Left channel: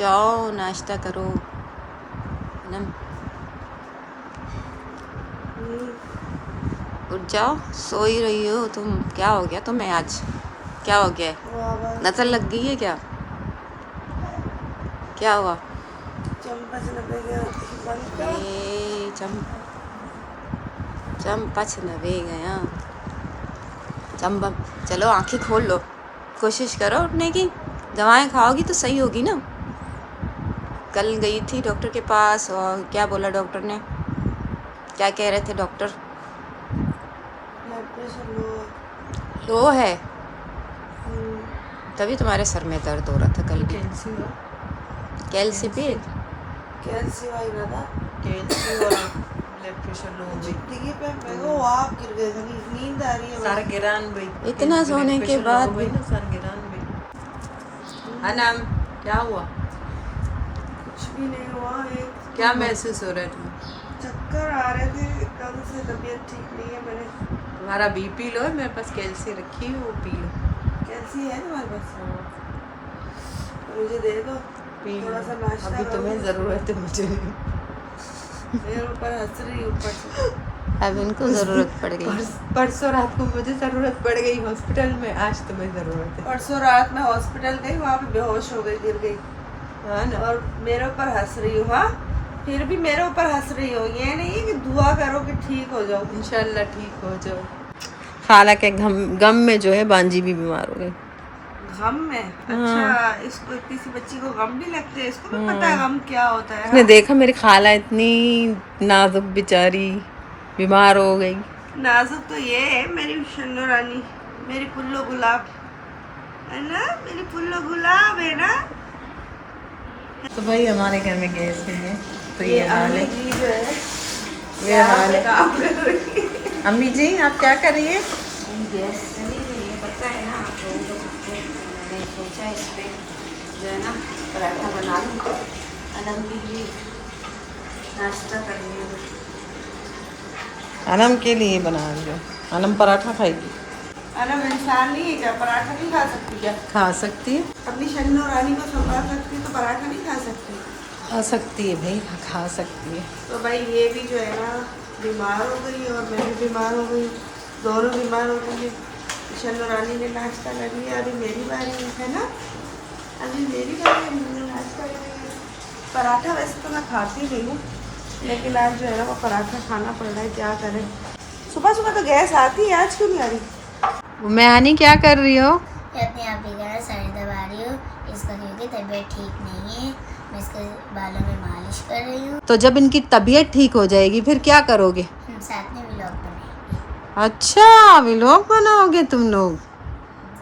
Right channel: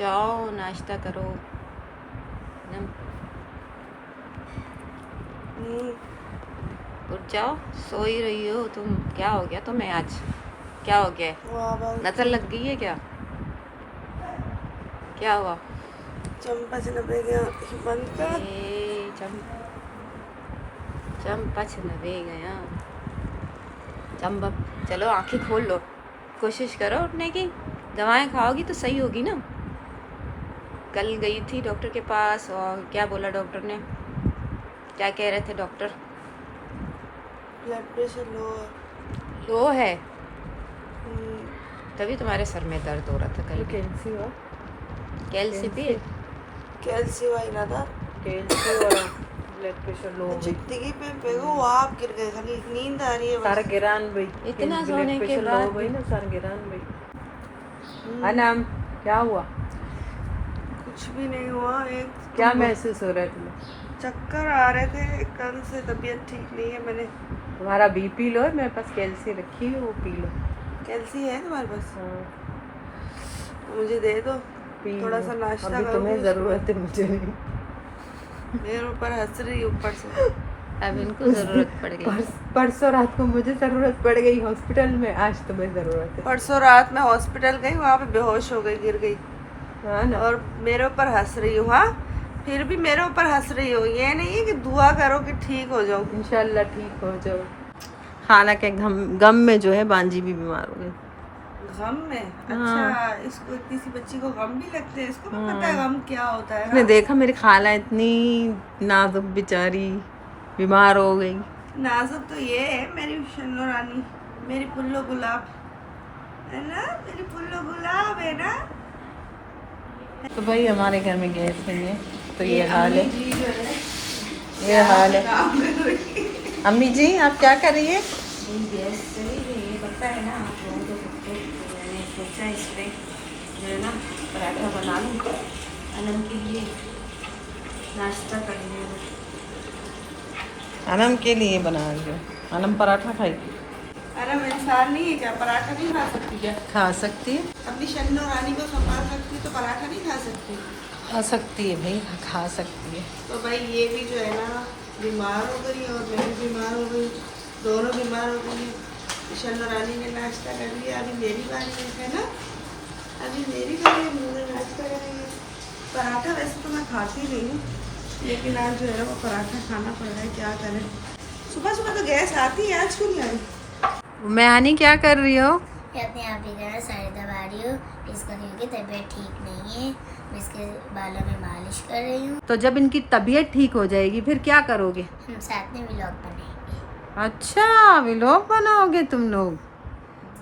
जाओ नाश्ता करो। नम उठ जाओ, सो ही रही हो तुम। क्या हो गया तुम्हें आज? क्या हो गया? नजर लग गई है क्या? क्या हुआ? चंपा नवे गया। चंपा चलो आंखें खोल लो, कोशिश करो उठने की। दवाएं खाओगी तो सही होगी ना। कल गई थी डॉक्टर के पास और क्या बोला डॉक्टर ने? क्या कह रहे थे डॉक्टर? ब्लड प्रेशर लो है, तभी तुम्हारे सर में दर्द हो रहा था कल भी। कैल्सी भी जिंदगी पे वो आप गिर गए थे, नींद आ रही है सर गिरान भी इतना सोने के बाद भी। सर गिरान भी। अनम क्या हुआ? कुछ भी नहीं हुआ। एक क्या महसूस हो रहा है तुम्हें? चक्कर आ रहे थे, कल से तबीयत ठीक नहीं है। मैंने तुम्हारा बीपी लो है, मेरे पास कैल्सी रखी है, वो पी लो। कैल्सी है तुम्हारे पास? मुझे दे दो, थोड़ा सा नाश्ता अभी करो। तुम्हें जरूरत है, मुझे नहीं। मेरे ऊपर हंस रही ऊपर से। अब इनको जरूरत पड़ गई। परसों रात को मुझे जरूरत पड़ गई हॉस्पिटल में, आज तुम्हें जरूरत है। परसों रात में हॉस्पिटल गई, वहाँ पे बेहोश हो गई, गिर गई हाँ ना? और मेरे ऊपर हंस रही हो। हाँ, फिर भी मेरे ऊपर हंस रही हो। ये नहीं है कि दुआ करो कि ठीक हो जाओ। इंशाल्लाह ठीक हो जाओ। हालांकि गम में जो है बांजी भी बीमार हो गई। गम में? अच्छा, इसको इतनी सी बच्ची को गम भी लगते हैं? इसको भी पता है गम क्या होता है? उसने देखा मेरी खाला इतनी नाजुक बेचारी बीमार हो गई। नाजुक तो ये है मेरी शन्नो रानी, मेरी पुल्लो गुलाब है ना, मेरी पुल्लो गुलाब है ना। तो भाई हमारे घर में गैस नहीं है तो ये हाल है, जी जो है ये हाल है। काम कर रही है। अम्मी जी आप क्या कर रही है? गैस चली गई, पता है ना आपको। मैंने सोचा इस पे जो है ना पराठा बना लूँ, अनम के लिए नाश्ता कर रही हूँ। अनम के लिए बना रही हो? अनम पराठा खाएगी? अनम इंसान नहीं है क्या? पराठा नहीं खा सकती क्या? खा सकती है, अपनी शन्नो रानी को संभाल सकती तो पराठा नहीं खा सकती? खा सकती है भाई, खा सकती है। तो भाई ये भी जो है ना बीमार हो गई और मैं भी बीमार हो गई, दोनों बीमार हो गई। शन्नो रानी ने नाश्ता कर लिया, अभी मेरी बारी है ना, अभी मेरी बारी है, मैंने नाश्ता कर लिया। पराठा वैसे तो मैं खाती नहीं हूँ, लेकिन आज जो है वो पराठा खाना पड़ रहा है, क्या करें। सुबह सुबह तो गैस आती है, आज क्यों नहीं आ रही? मैं आनी क्या कर रही हो? अपने आप ही कह साड़ी दबा रही हूँ इसको, क्योंकि तबीयत ठीक नहीं है। मैं इसके बालों में मालिश कर रही हूँ। तो जब इनकी तबीयत ठीक हो जाएगी फिर क्या करोगे? हम साथ में व्लॉग बनाएंगे। अच्छा व्लॉग बनाओगे तुम लोग?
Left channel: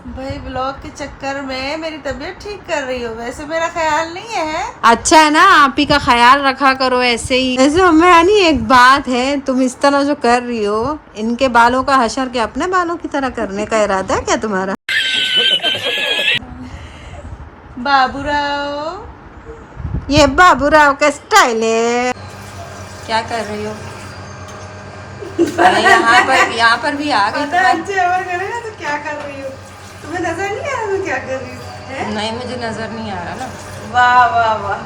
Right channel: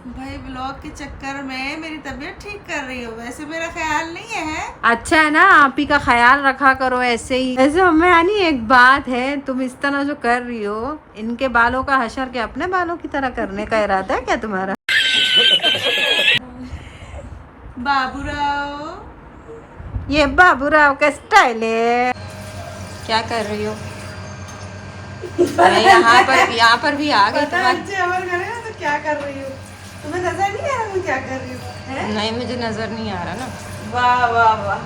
भाई ब्लॉग के चक्कर में मेरी तबीयत ठीक कर रही हो, वैसे मेरा ख्याल नहीं है। अच्छा है ना, आप ही का ख्याल रखा करो ऐसे ही। ऐसे मैं आनी एक बात है, तुम इस तरह जो कर रही हो, इनके बालों का हशर के अपने बालों की तरह करने का इरादा है क्या तुम्हारा? बाबूराव, ये बाबूराव का स्टाइल है। क्या कर रही हो? यहाँ पर भी आ गई तुम्हारी। तो क्या कर रही हो? तुम्हें नजर नहीं आ रहा मैं क्या कर रही हूँ? नहीं मुझे नजर नहीं आ रहा ना। वाह वाह वाह।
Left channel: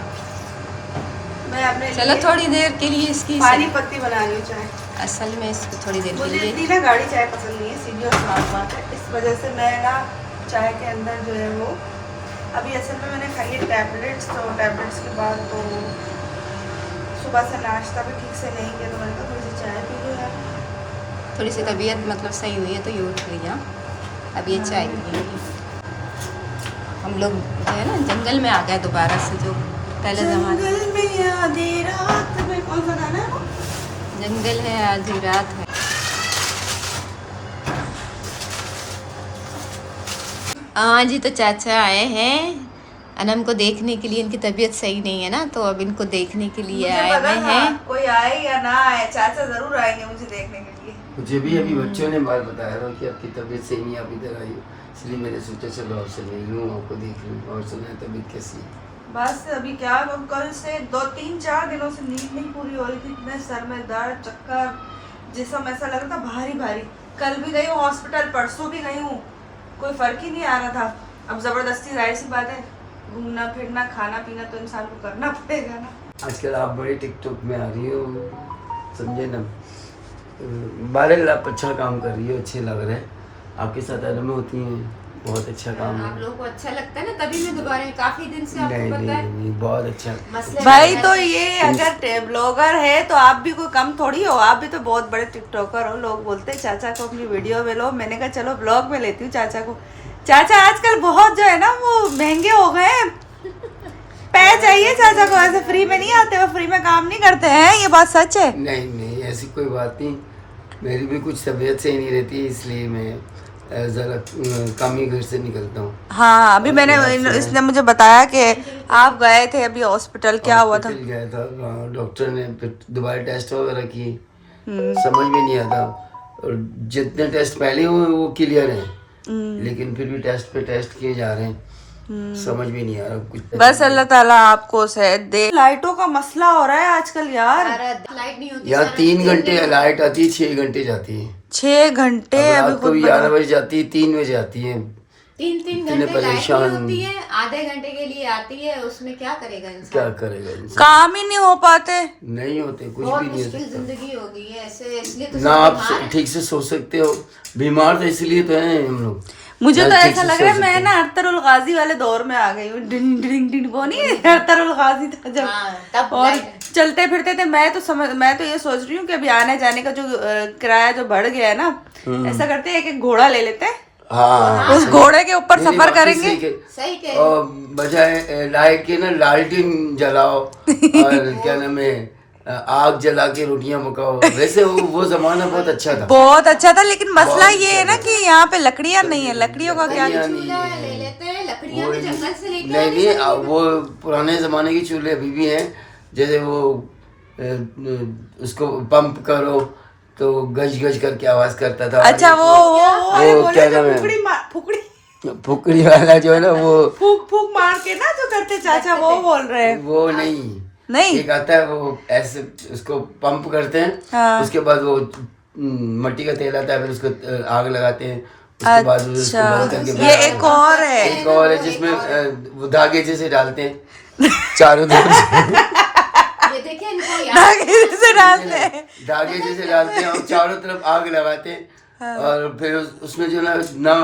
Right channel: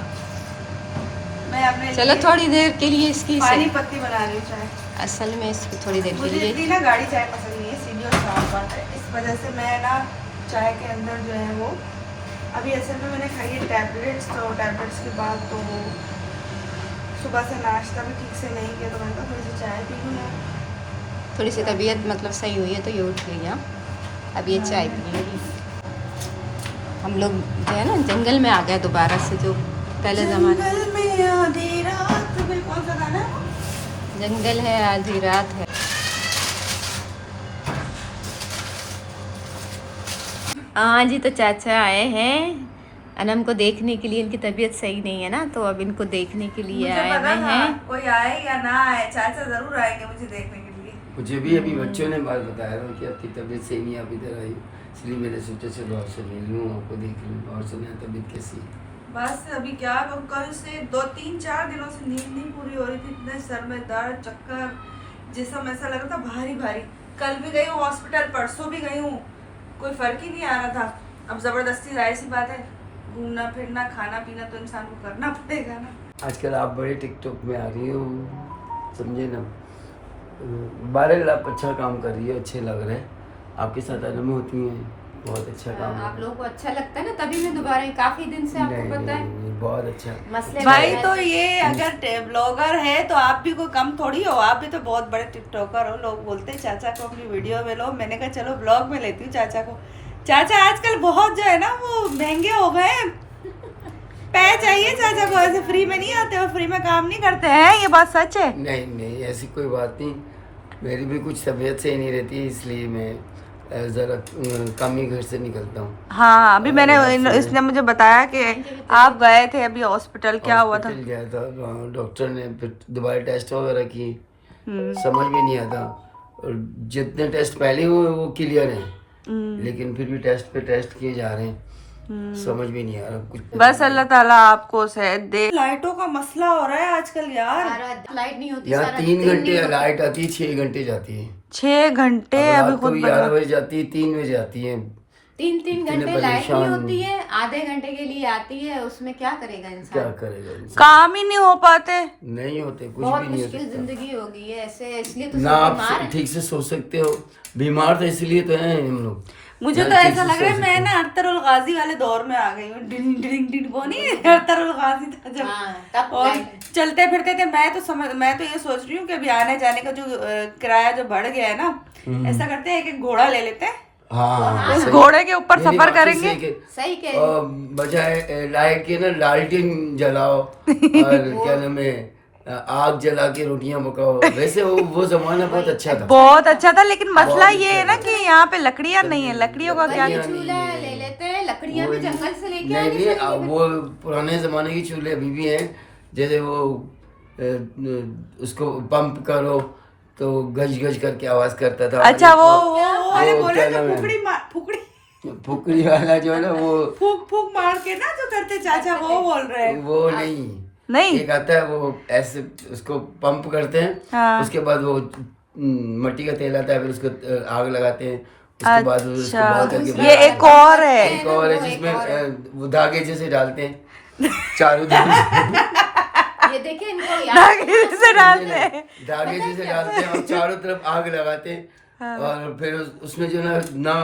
मैं अपने चलो लिए थोड़ी देर के लिए इसकी पानी पत्ती बना रही हूँ चाय। असल में इसकी थोड़ी देर के मुझे लिए इतनी ना गाढ़ी चाय पसंद नहीं है, सीधी और साफ बात है। इस वजह से मैं ना चाय के अंदर जो है वो अभी असल में मैंने खाई है टैबलेट्स, तो टैबलेट्स के बाद तो सुबह से नाश्ता भी ठीक से नहीं किया, तो मैंने कहा थोड़ी सी चाय पी लूँ यार। थोड़ी सी तबीयत मतलब सही हुई है तो ये उठ गई। हाँ अब ये चाय पिएंगी। हम लोग जो है ना जंगल में आ गए दोबारा से, जो पहले ज़माने। जंगल में आधी रात में, कौन सा गाना? जंगल है आधी रात है। हाँ जी, तो चाचा आए हैं अनम को देखने के लिए। इनकी तबीयत सही नहीं है ना, तो अब इनको देखने के लिए आए हुए हैं। कोई आए या ना आए, चाचा जरूर आएंगे मुझे देखने के लिए। मुझे भी अभी बच्चों ने बात बताया था कि आपकी तबीयत सही नहीं, आप इधर आई, इसलिए मैंने सोचा चलो आपसे मिल लूँ, आपको देख लूँ और सुना तबीयत कैसी है। बस अभी क्या, हम कल से 2-3-4 दिनों से नींद नहीं पूरी हो रही थी, इतने सर में दर्द, चक्कर, जिसम ऐसा लग रहा था भारी भारी। कल भी गई हूँ हॉस्पिटल, परसों भी गई हूँ, कोई फर्क ही नहीं आ रहा था। अब जबरदस्ती, जाहिर सी बात है घूमना फिरना खाना पीना तो इंसान को करना पड़ेगा ना। आजकल आप बड़े टिकटॉक में आ रही हो, समझे ना, बहरहाल आप अच्छा काम कर रही हो, अच्छे लग रहे हैं आपके साथ आदम होती हैं, बहुत अच्छा काम है। आप लोगों को अच्छा लगता है ना, तभी मैं दोबारा काफी दिन से आपको नहीं पता है नहीं, बहुत अच्छा। मसले भाई तो ये अगर ब्लॉगर है तो आप भी कोई कम थोड़ी हो, आप भी तो बहुत बड़े टिकटॉकर हो। लोग बोलते हैं चाचा को अपनी वीडियो में लो, मैंने कहा चलो ब्लॉग में लेती हूँ चाचा को। चाचा आजकल बहुत जो है ना वो महंगे हो गए हैं, पैसे चाहिए चाचा को, ऐसे फ्री में नहीं आते, वो फ्री में काम नहीं करते हैं, ये बात सच है। नहीं नहीं, ऐसी कोई बात नहीं, मेरी भी कुछ तबीयत सही नहीं रहती, इसलिए मैं ज़रा कम ही घर से निकलता हूँ। हाँ अभी मैंने इसने मुझे बताया कि आप गए थे अभी हॉस्पिटल, क्या हुआ था? हॉस्पिटल गया था, डॉक्टर ने फिर दोबारा टेस्ट वगैरह किए, समझ में नहीं आता, और जितने टेस्ट पहले हुए वो क्लियर हैं, लेकिन फिर भी टेस्ट पे टेस्ट किए जा रहे हैं, समझ में नहीं आ रहा कुछ। बस अल्लाह ताला आपको सेहत दे। लाइटों का मसला हो रहा है आजकल यार, लाइट नहीं होती, यहाँ 3 घंटे लाइट आती है, 6 घंटे जाती है। 6 घंटे अभी खुद 11 बजे जाती है, 3 बजे आती है। 3 घंटे लाइट नहीं होती है, आधे घंटे के लिए आती है, उसमें क्या करेगा इंसान? क्या करेगा इंसान? काम ही नहीं हो पाते, नहीं होते, कुछ बहुत भी नहीं हो मुश्किल सकता जिंदगी हो गई है ऐसे, इसलिए तो ना। सब आप बीमार हैं। ठीक से सोच सकते हो, बीमार तो इसलिए तो हैं हम लोग। मुझे तो ना ठीक ऐसा से लग रहा है सोच मैं सकते ना अख्तरुल गाजी वाले दौर में आ गई हूँ। डिंग डिंग डिंग वो नहीं अख्तरुल गाजी था जब, हाँ, तब और लाइट- चलते फिरते थे। मैं तो ये सोच रही हूँ कि अभी आने जाने का जो किराया जो बढ़ गया है ना, ऐसा करते हैं एक घोड़ा ले लेते हैं, हाँ, उस सही। घोड़े के ऊपर मेरी सफर बात तो करेंगे। सही के- सही के और बजाय लाइट के ना लालटेन जलाओ और क्या नाम है, आग जला के रोटियां पकाओ, वैसे वो जमाना बहुत अच्छा था। बहुत अच्छा था, लेकिन मसला ये है ना कि यहाँ पे लकड़ियाँ नहीं है, लकड़ियों का क्या? लकड़ियाँ नहीं चूल्हा ले लेते हैं, लकड़ियाँ भी जंगल से लेके नहीं आनी नहीं, वो पुराने जमाने के चूल्हे अभी भी हैं, जैसे वो उसको पंप करो तो गज गज करके आवाज करता था। अच्छा वो वाले वो बोले क्या जो नाम है? फुकड़ी फुकड़ी वाला जो है ना, वो फूक फूक मार के ना जो करते चाचा, वो बोल रहे हैं। वो नहीं, एक आता है वो ऐसे उसको पंप करते हैं, हाँ। उसके बाद वो मट्टी का तेल आता है, फिर उसको आग लगाते हैं, उसके बाद वो उसको बंद करके अच्छा ये एक और है। एक और है जिसमें वो धागे जैसे डालते हैं चारों तरफ ये देखिए इनको याद धागे से डालते हैं। धागे जैसे डालते हैं और चारों तरफ आग लगाते हैं, और फिर उसमें जो ना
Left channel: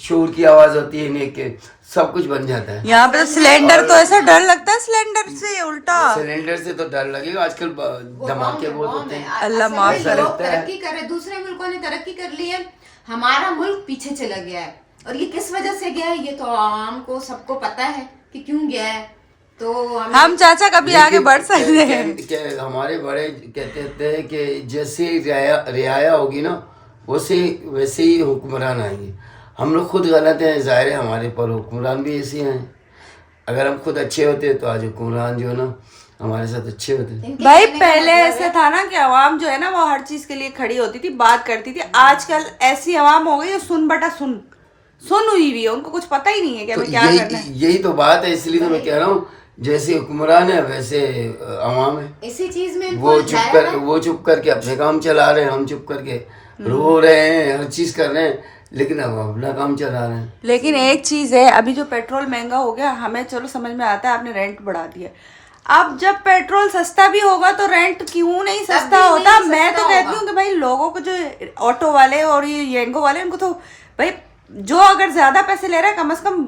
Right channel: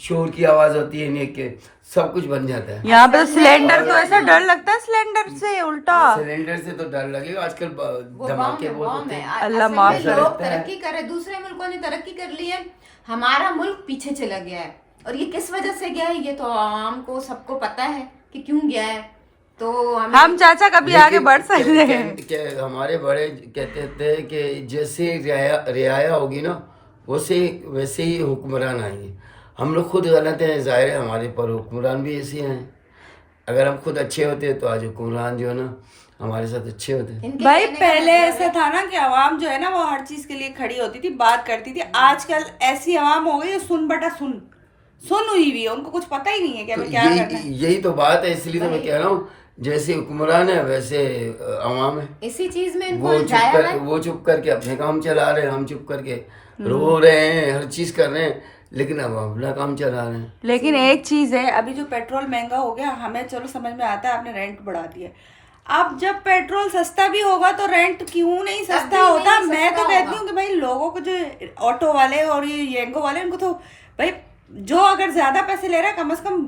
शोर की आवाज होती है, नेक के सब कुछ बन जाता है। यहाँ पे सिलेंडर तो ऐसा डर लगता है, सिलेंडर से उल्टा। सिलेंडर से तो डर लगेगा, आजकल धमाके बहुत होते हैं। अल्लाह असल माफ में करे। लोग तरक्की कर रहे, दूसरे मुल्कों ने तरक्की कर ली है, हमारा मुल्क पीछे चला गया है। और ये किस वजह से गया है, ये तो आवाम को सबको पता है कि क्यों गया है। तो हम चाचा कभी आगे बढ़ सकते हैं। हमारे बड़े कहते थे कि जैसे रियाया होगी ना, वैसे ही हुक्मरान आएंगे। हम लोग खुद गलत हैं, जाहिर है, हमारे पर हुक्मरान भी ऐसे हैं। अगर हम खुद अच्छे होते तो आज हुक्मरान जो है ना हमारे साथ अच्छे होते। भाई पहले ऐसे था ना कि आवाम जो है ना वो हर चीज के लिए खड़ी होती थी, बात करती थी। आजकल ऐसी आवाम हो गई है सुन बटा सुन हुई हुई है, उनको कुछ पता ही नहीं है कि हमें क्या करना है। यही तो बात है, इसलिए तो मैं कह रहा हूँ, जैसे हुक्मरान है वैसे अवाम है। इसी चीज में वो चुप करके अपने काम चला रहे हैं, हम चुप करके रो रहे हैं, हर चीज कर रहे हैं, लेकिन अब अपना काम चला रहे हैं। लेकिन एक चीज है, अभी जो पेट्रोल महंगा हो गया, हमें चलो समझ में आता है आपने रेंट बढ़ा दिया। अब जब पेट्रोल सस्ता भी होगा तो रेंट क्यों नहीं सस्ता होता? मैं तो कहती हूँ कि भाई लोगों को जो ऑटो वाले और ये येंगो वाले, उनको तो भाई जो अगर ज्यादा पैसे ले रहा है कम से कम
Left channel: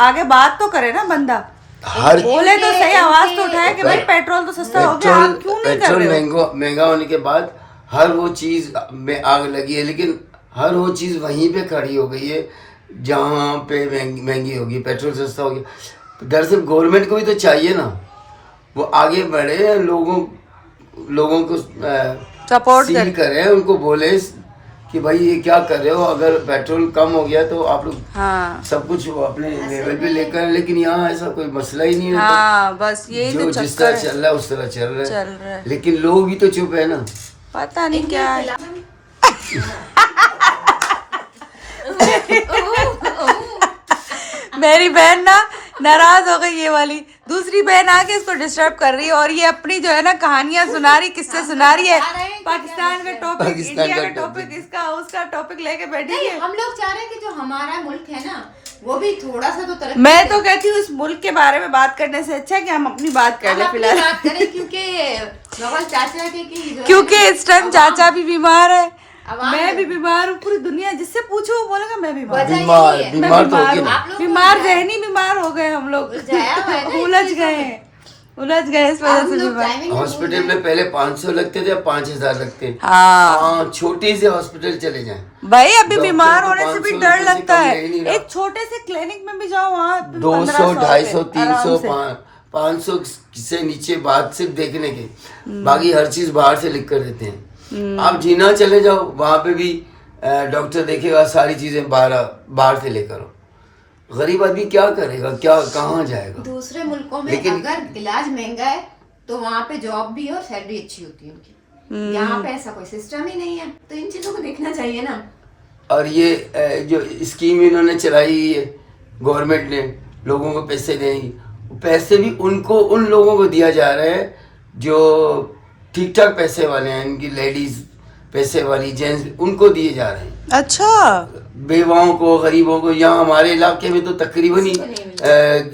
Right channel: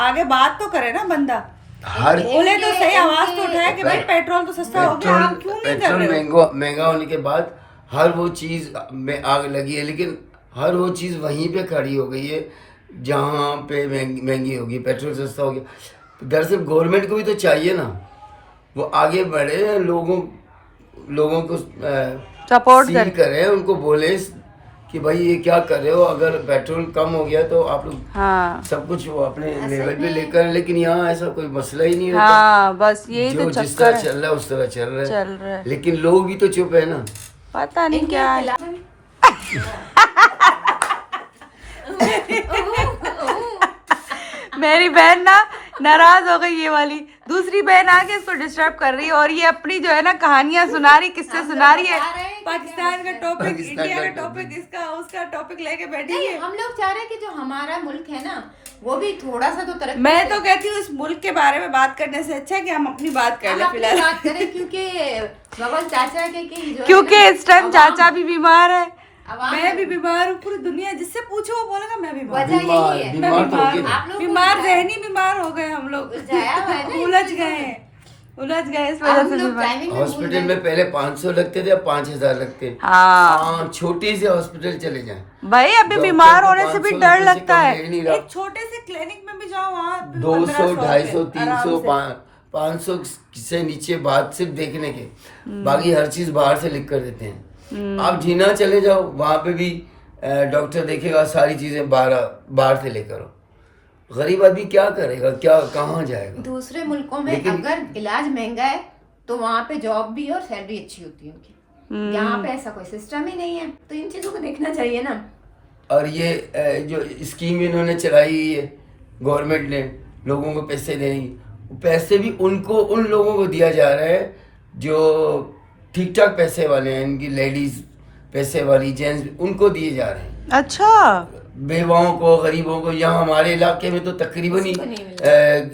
आगे बात तो करे ना बंदा, हर बोले तो सही, आवाज तो उठाए कि भाई पेट्रोल तो सस्ता हो गया, आप क्यों नहीं कर रहे हो? महंगा होने के बाद हर वो चीज में आग लगी है, लेकिन हर वो चीज वहीं पे खड़ी हो गई है जहाँ पे महंगी होगी। पेट्रोल सस्ता हो गया, दरअसल गवर्नमेंट को भी तो चाहिए ना, वो आगे बढ़े, लोगों को सपोर्ट करे, उनको बोले कि भाई ये क्या कर रहे हो, अगर पेट्रोल कम हो गया तो आप लोग हाँ सब कुछ वो अपने लेवल पे लेकर, लेकिन यहाँ ऐसा कोई मसला ही नहीं रहता। हाँ बस यही तो जो जिस चक्कर तरह चल रहा है उस तरह चल रहा है, है। लेकिन लोग भी तो चुप है ना। पता नहीं क्या है। मेरी बहन ना नाराज हो गई, ये वाली दूसरी बहन आके इसको डिस्टर्ब कर रही है, और ये अपनी जो है ना कहानियां सुना रही, किससे सुना रही है, पाकिस्तान का टॉपिक, इंडिया का टॉपिक, इसका उसका टॉपिक लेके बैठी है। हम लोग चाह रहे हैं कि जो हमारा मुल्क है ना वो भी थोड़ा सा तो तरक्की मैं तो कहती हूँ इस मुल्क के बारे में बात करने से अच्छा है कि हम अपनी बात कर ले अपनी फिलहाल, बात करें, क्योंकि बबल चाचा के जो क्योंकि इस टाइम चाचा भी बीमार है, आवाम मैं भी बीमार हूँ, पूरी दुनिया जिससे पूछो वो बोलेगा मैं बीमार हूँ। बीमार यही है। मैं बीमार तो बीमार होके हूँ, आप लोग बीमार जहनी बीमार हो गए हम लोग, उलझ गए इस वजह से बीमार। हॉस्पिटल में पहले 500 लगते थे, अब 5000 लगते हैं। हाँ हाँ, छोटे से हॉस्पिटल चले जाएं। भाई अभी डॉक्टर बीमार को होने से 500 भी डर रुपए से लगता कम है, ले नहीं रहा। एक छोटे से क्लिनिक में भी जाओ वहाँ 200 250 300 300 500 से नीचे बात सिर्फ देखने के, बाकी हर चीज बाहर से लिख कर देते हैं। आप जीना चले जाओ, वहां पे भी डॉक्टर देखेगा, सारी चीजें बाहर से लेकर आओ। गरीब आदमी क्या करेगा, क्या कहाँ जाएगा? दूसरे मुल्कों में लेकिन- अगर इलाज महंगा है तो वहाँ पे जॉब भी और सैलरी अच्छी होती है उनकी। यहाँ पे ऐसा कोई सिस्टम ही नहीं है, तो इन चीजों को देखना चाहिए ना। और ये जो स्कीम इन्होंने चलाई है गवर्नमेंट ने, लोगों को पैसे देंगी, पैसे भी उन लोगों को दिया जा रहा है जो ठीक ठाक पैसे वाले हैं, इनकी लेडीज पैसे वाली, जेंट्स, उनको दिए जा रहे हैं। अच्छा बेवाओं को, गरीबों को, यहाँ हमारे इलाके में तो तकरीबन ही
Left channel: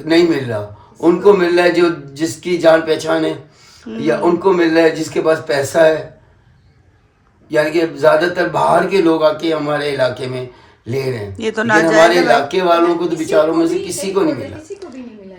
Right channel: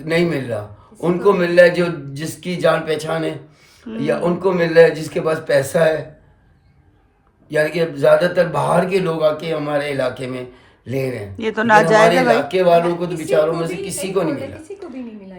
नहीं मिल रहा। उनको मिल रहा है जो जिसकी जान पहचान है, या उनको मिल रहा है जिसके पास पैसा है। यानी कि ज्यादातर बाहर के लोग आके हमारे इलाके में ले रहे हैं। ये तो लेकिन नाजायज हमारे है भाई। इलाके वालों को तो बेचारों में से किसी को नहीं मिला।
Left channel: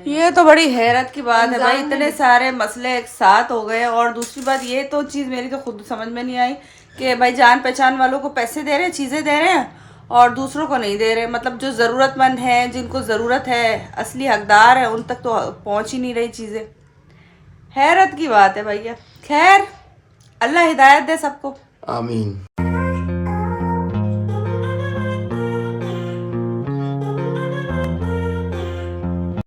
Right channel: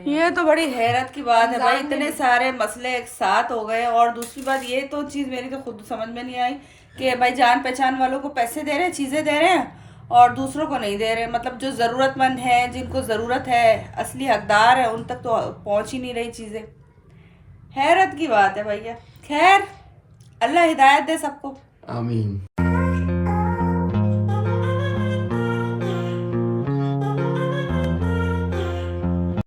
ये तो बड़ी हैरत की बात है भाई, इतने सारे मसले एक साथ हो गए। और दूसरी बात ये तो चीज़ मेरी तो खुद समझ में नहीं आई कि भाई जान पहचान वालों को पैसे दे रहे हैं, चीज़ें दे रहे हैं, और दूसरों को नहीं दे रहे। मतलब जो ज़रूरतमंद हैं, जिनको ज़रूरत है, असली हकदार है, उन तक तो पहुंच ही नहीं रही चीज़ें। हैरत की बात है भैया। खैर, अल्लाह हिदायत दे सबको। आमीन।